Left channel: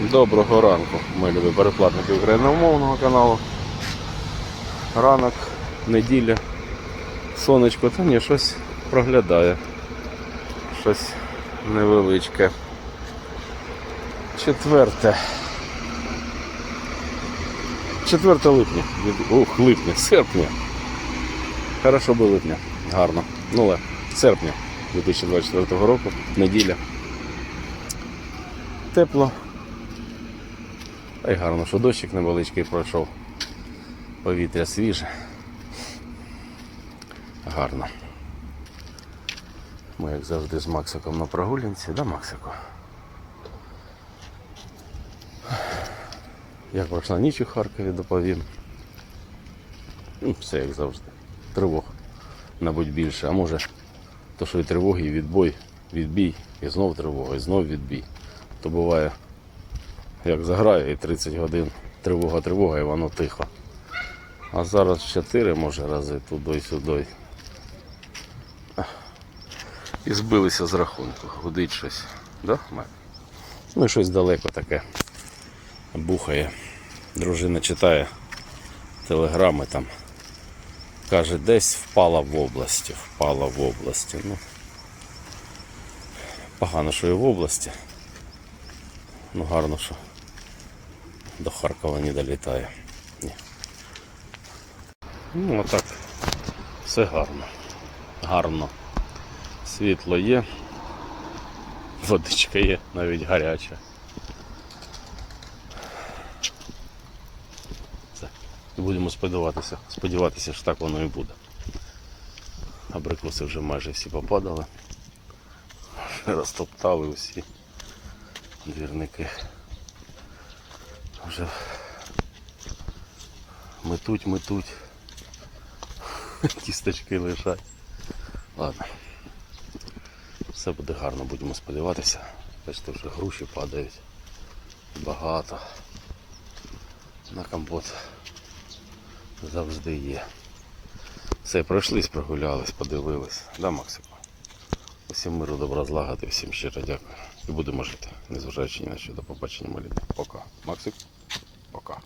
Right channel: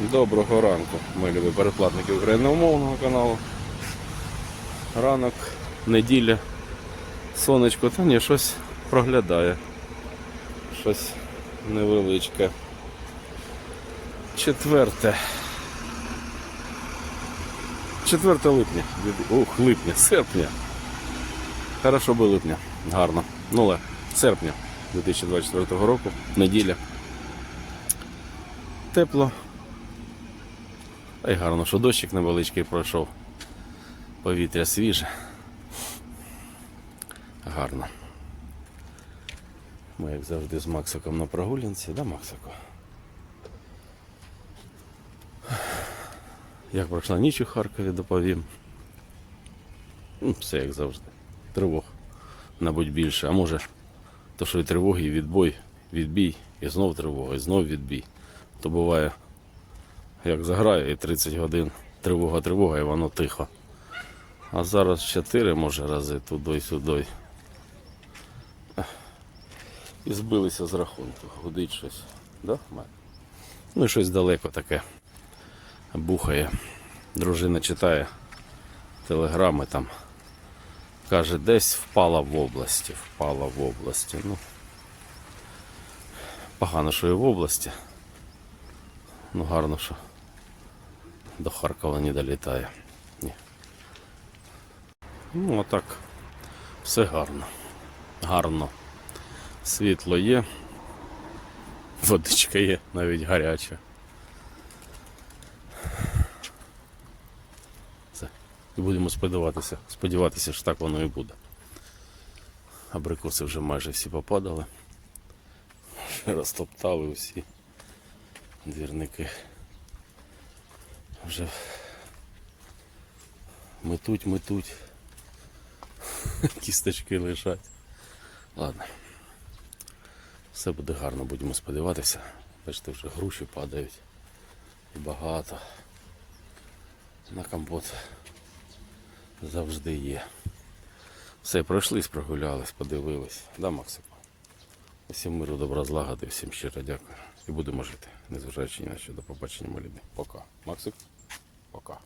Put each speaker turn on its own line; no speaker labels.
Доброго ранку, ми любі переплатники україномовного каналу. Ранок, неділя, сонечко, та ні, щось проглядає. Щось невеличке. Четверте. 4 липня. Ух, липня, серпня. Хорошо би липня. Гарно. Ну але серпня 2024 року, неділя. Тепло. А й гарно, що дощик невеличкий пройшов. Повітря свіже. Гарно. Ми, як завжди, з Максиком на прогулянці, да, Максику? Як пройшла ніч у Харкові, доповім. Ну, Все як завжди. Тривог, мабуть, більше. А може, то що і тривоги, і відбой, відбій, і знов тривога, і знов відбій. То буває, як заграє, і 30 годин тривога, тривога, і воно тихо. А зараз 4 може рази туди-сюди. І збилися з рахунку. Гудить щось. Да? Ну і щось далеко таке. Бухає. Дружина читає телеграми там. Каже, десь впала в області. Впала в області. Ну, погано, що і в області. Ну гарно, що до не долітає. Ні. Ну отак. Все гарно. Гарно. Світло є. Водичка є, навіть гаряча. Все. Будемо сподіватися, сподіватися, що так воно і буде. Абрикоси вже майже всі попадали. Розтоптали усі двірники. Вже метуть, метуть. Кісточки лежать. Ладно. Все буде гарно, будемо сподіватися. Бачите, вже груші падають. Багато. На компот завжди є. Все, пройшлись, прогулялись, подивились. Да, Максику? Усім миру, добра, злагоди, всім щиро дякую. І будемо жити, незважаючи ні на що. До побачення, маліти. Пока. Максик? Пока.